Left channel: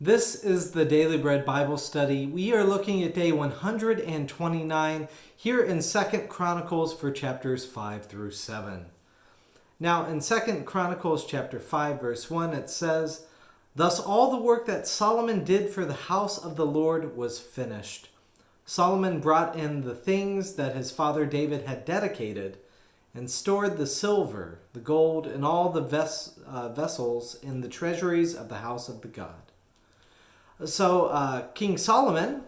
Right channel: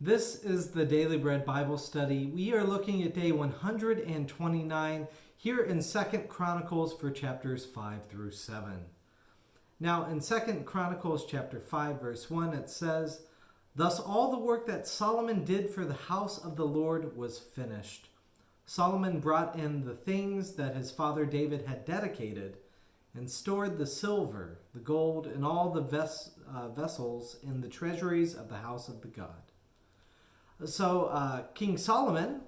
This is the Daily Bread Bible Study. We are looking at day 129 here in 2nd Chronicles for chapters 5 through 7. Now in 2nd Chronicles chapter 5 verse 1 it says, "Thus all the work that Solomon did for the house of the Lord was finished. Solomon brought in the things that his father David had dedicated and stored the silver, the gold, and all the vessels in the treasuries of the house of the God." So King Solomon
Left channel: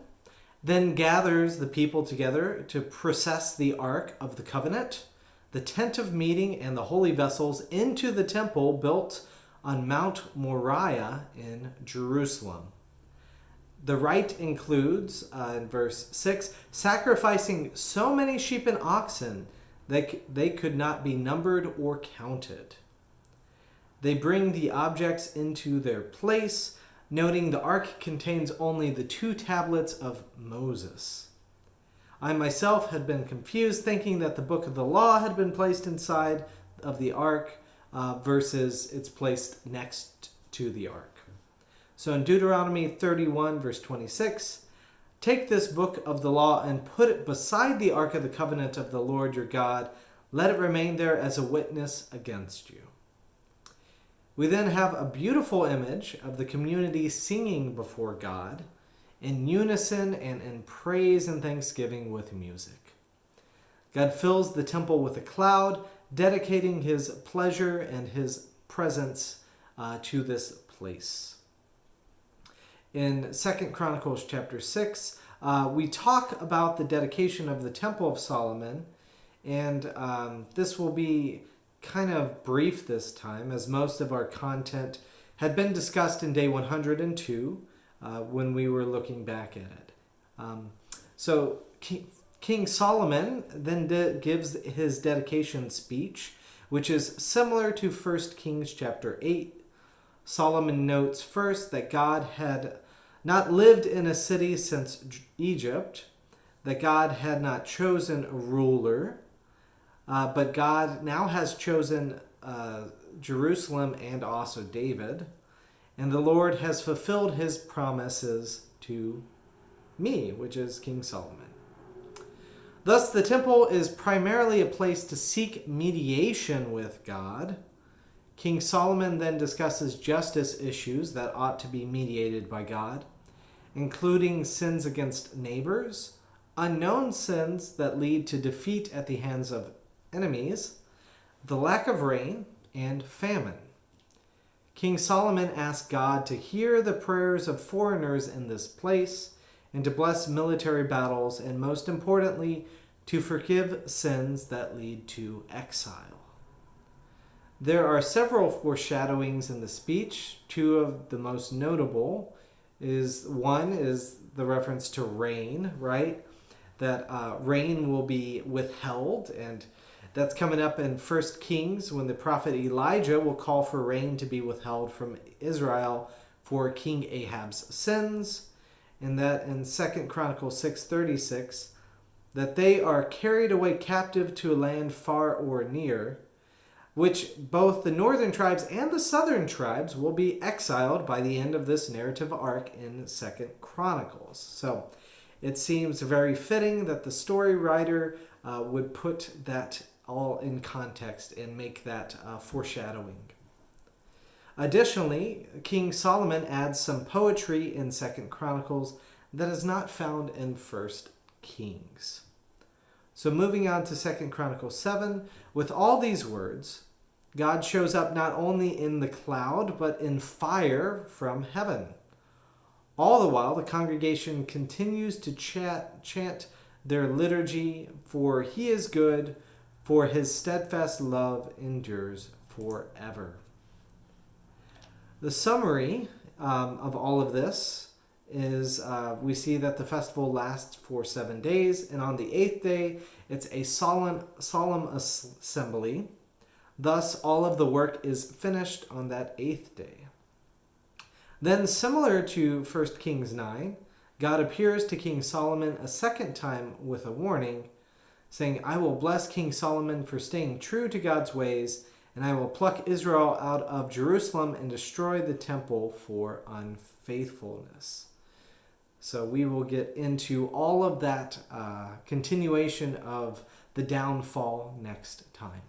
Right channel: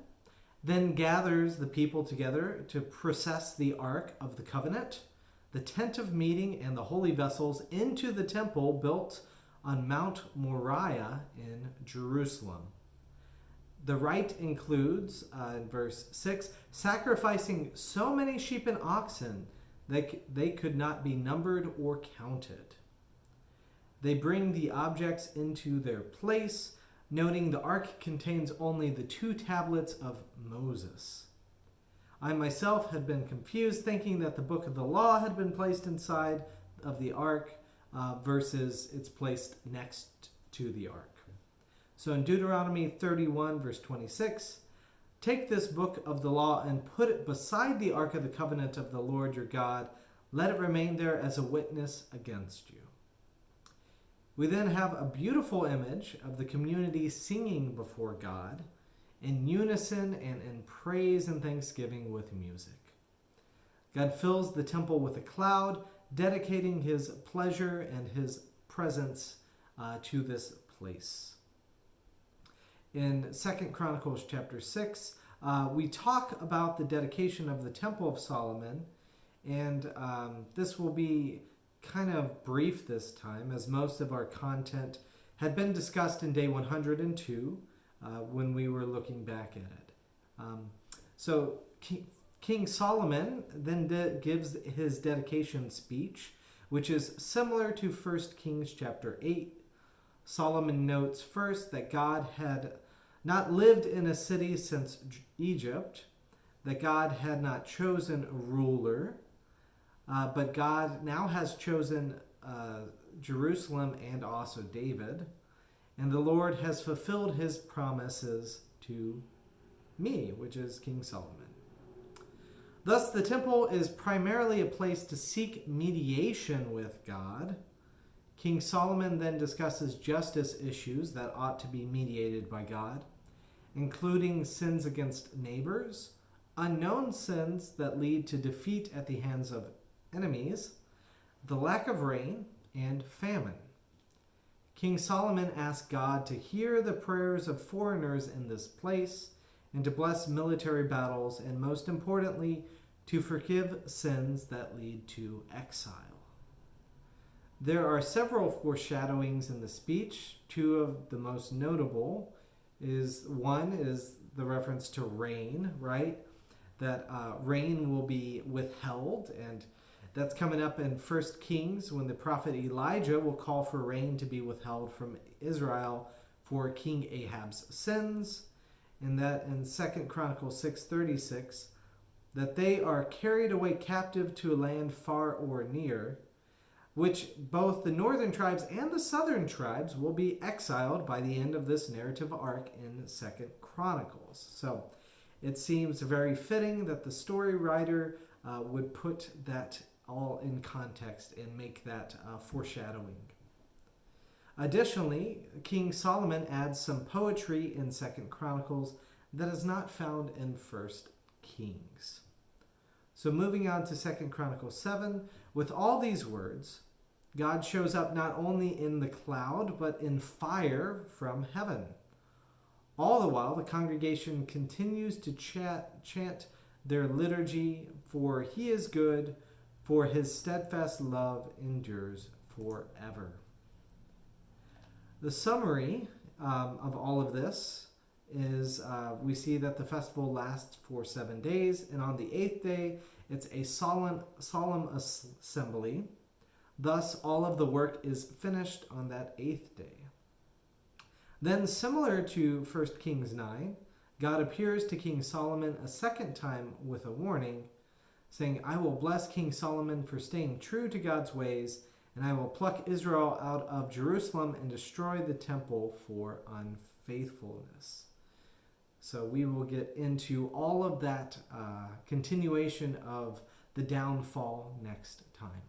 then gathers the people together to process the Ark of the Covenant, the tent of meeting, and the holy vessels into the temple built on Mount Moriah in Jerusalem. The rite includes, in verse 6, sacrificing so many sheep and oxen that they could not be numbered or counted. They bring the objects into their place, noting the ark contains only the 2 tablets of Moses. I myself had been confused, thinking that the book of the law had been placed inside of the ark versus it's placed next to the ark. So in Deuteronomy 31, verse 26, "Take this book of the law and put it beside the ark of the covenant of the Lord your God. Let it remain there as a witness against you." We then have a beautiful image of the community singing before God in unison and in praise and thanksgiving with music. God fills the temple with a cloud, dedicating his pleasure and his presence to this place. In 2nd Chronicles chapter 6, we talk about the dedication of the Temple of Solomon, and this will be kind of brief this time, as most of our content had been discussed in day 102 when we were looking back at it. So King Solomon then gives his dedication speech, which is similar to 1 Kings chapter 8. Solomon notes first that God had not lived in a city since Egypt, that God had not chosen a ruler, but God now has chosen Jerusalem and also David, and the Lord has fulfilled his promises to me, which is King Solomon. Thus, the temple is primarily a place to seek mediation with God. King Solomon then discusses justice issues that ought to be mediated by God, including sins against neighbors, unknown sins that lead to defeat at the hands of enemies, the lack of rain, and famine. King Solomon asked God to hear the prayers of foreigners in this place and to bless military battles, and most importantly, to forgive sins that lead to exile. There are several foreshadowings in the speech. 2 of the most notable one is the reference to rain, right? That rain will be withheld, and that's coming up in 1 Kings when the prophet Elijah will call for rain to be withheld from Israel for King Ahab's sins. And that in 2 Chronicles 6:36, that they are carried away captive to a land far or near, which both the northern tribes and the southern tribes will be exiled by the end of this narrative arc in 2 Chronicles. So it seems very fitting that the story writer would put that all in context and make that foreshadowing. Additionally, King Solomon adds some poetry in 2 Chronicles that is not found in 1 Kings. So moving on to 2 Chronicles 7, with all these words, God shows up not only in the cloud, but in fire from heaven. All the while, the congregation continues to chant their liturgy, "For he is good, for his steadfast love endures forever." The summary of all of this is we see that the festival lasts for 7 days, and on the 8th day, it's a solemn assembly. Thus, all of the work is finished on that 8th day. Then, similar to 1 Kings 9, God appears to King Solomon a second time with a warning, saying, "I will bless King Solomon for staying true to God's ways and I will pluck Israel out of Jerusalem and destroy the temple for unfaithfulness. So we will get into all of that continuation of the downfall next time.